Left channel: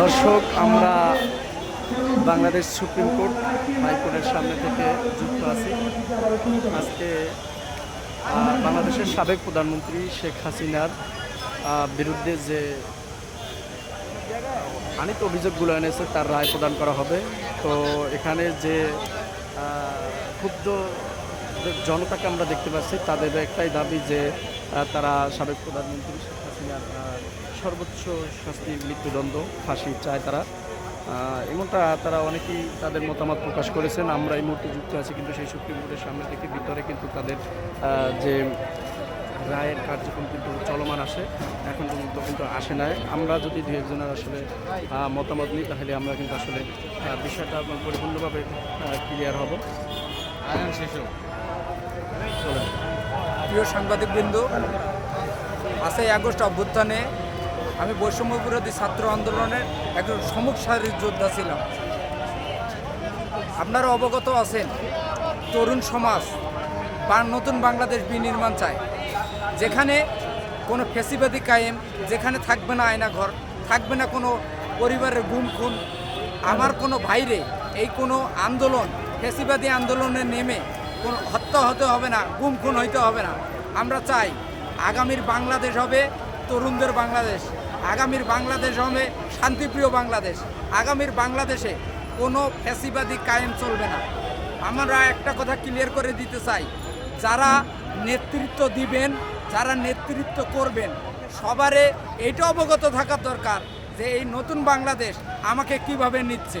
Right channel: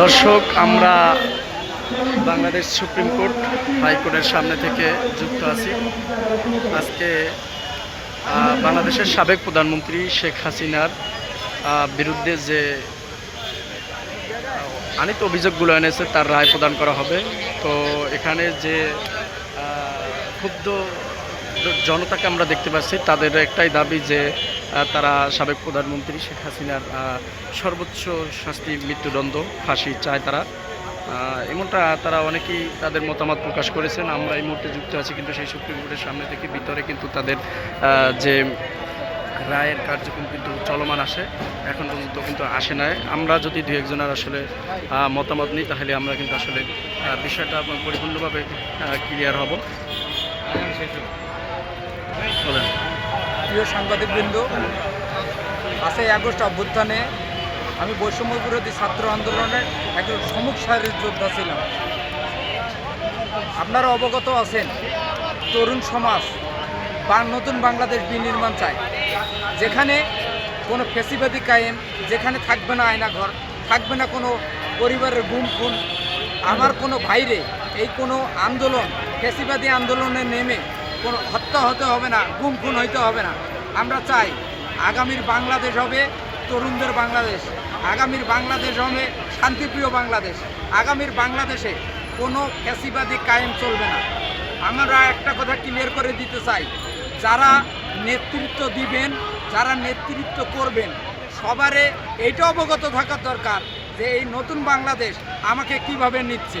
দর্শক, আমরা Bangladesh supreme court হাইকোর্টের সামনে থেকে যুক্ত আছি। আজকে বাংলাদেশের সাবেক প্রধানমন্ত্রী শেখ হাসিনার বিরুদ্ধে যে আনিত অভিযোগগুলো এনেছে, তার রায় প্রদান করা হবে। তো এখানে যে ক্ষুব্ধ জনতাকে আমরা দেখতে পাচ্ছি। তাদের একটাই দাবি যে তারা সাবেক প্রধানমন্ত্রী শেখ হাসিনার সর্বোচ্চ শাস্তি মৃত্যুদণ্ড, ফাঁসি চায় তারা। এমনটা তারা অনেকেই তাদের মতামত প্রকাশ করেছেন। আমরা এই মুহূর্তে যুক্ত আছি কিন্তু সেই সুপ্রিম কোর্টের সামনে থেকে ভিতরে কিন্তু তাদের যে রায়ের কার্যক্রম কিন্তু চলমান আসে এখন পর্যন্ত কিন্তু আসে নাই। আমরা যদি দু একজনের আসলে মতামত নিই, তাহলে আমরা কিন্তু আসলে বিষয়টা পরিপূর্ণভাবে ক্লিয়ার হব। প্রিয় সাংবাদিকবৃন্দ, পাঁচই আগস্ট অভ্যুত্থানে আমি বৈষম্য বিরোধী ছাত্র আন্দোলনের একজন সম্মুখ সারির যোদ্ধা ছিলাম। আপনারা অবগত আছেন, তরুণ সমাজ বা নতুন বাংলাদেশ বিনির্মাণ চায়। যেখানে কোনো ফেসিবাদী কায়েম, যেখানে থাকবে না আয়না ঘর, থাকবে না কোনো পরিবারের গুম খুন। আমার কোনো ভাইরে এই কোনো আন্দোলন, ফেসিবাদী আন্দোলনে নেমে কোনো হত্যা হতে হবে না, গুম খুন হইতে হবে না। আমরা চাই আগামীর বাংলাদেশ হবে তরুণদের বাংলাদেশ, আগামীর বাংলাদেশ হবে শান্তিপ্রিয় বাংলাদেশ, আগামীর বাংলাদেশে কোনো ফ্যাসিবাদী কায়েম চলবে না। আমরা একটা কথা ক্লিয়ার করে দিতে চাই, যারা নেতৃত্ব দিবেন, যারা নেতৃত্ব করবেন, সবারে এটা অবগত থাকা দরকার যে এই নতুন বাংলাদেশ আমাকে কীভাবে নিচ্ছে।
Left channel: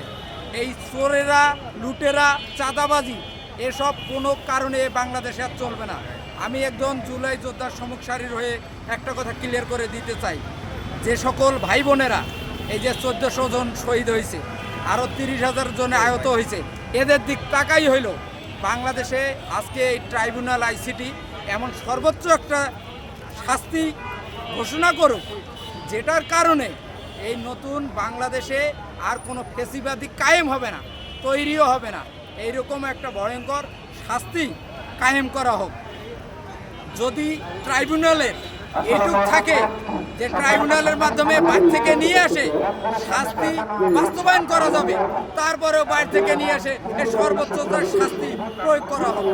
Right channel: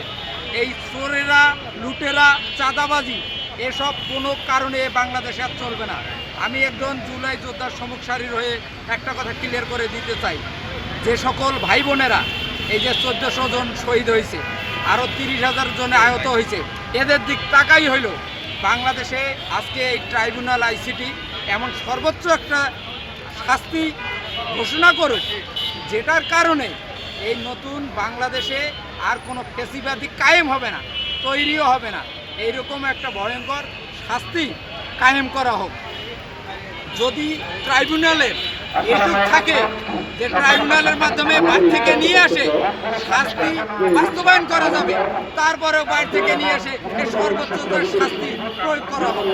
এই চোরেরা, লুটেরা, চাঁদাবাজি এসব কোনো কারণে বাংলাদেশে আর চলবে না। আমি একজন জুলাই যোদ্ধার সমুখ সারির হয়ে একটা কথা ক্লিয়ার করে দিতে চাই। যে সকল ভাই বোনেরা এই যে চোদ্দশো জন শহীদ হয়েছে আরও তিরিশ হাজার জনে আহত হয়েছে, এদের দিক তাকাই হইল, বাংলাদেশে আজকে এই ট্রাইব্যুনাল আইসিটি এমন সর্বোচ্চ একটা শাস্তি ঘোষণা করুক, যেটার কারণে এই নতুন বাংলাদেশে আর কোনো ফেসিবাদী কায়েম হবে না, তৈরিও হবে না। এইরকম একটা ভয়ঙ্কর শাস্তি কায়েম করা হোক। যদি ট্রাইব্যুনালের এটুক থাকে যে ট্রাইব্যুনালের মাধ্যমে বাইর থেকে নিয়ে আসে, শাস্তি বাস্তবায়ন করা যাবে, তারপরেও বাইর থেকে নিয়ে আসে এ সর্বোচ্চ শাস্তি প্রয়োগ করা হবে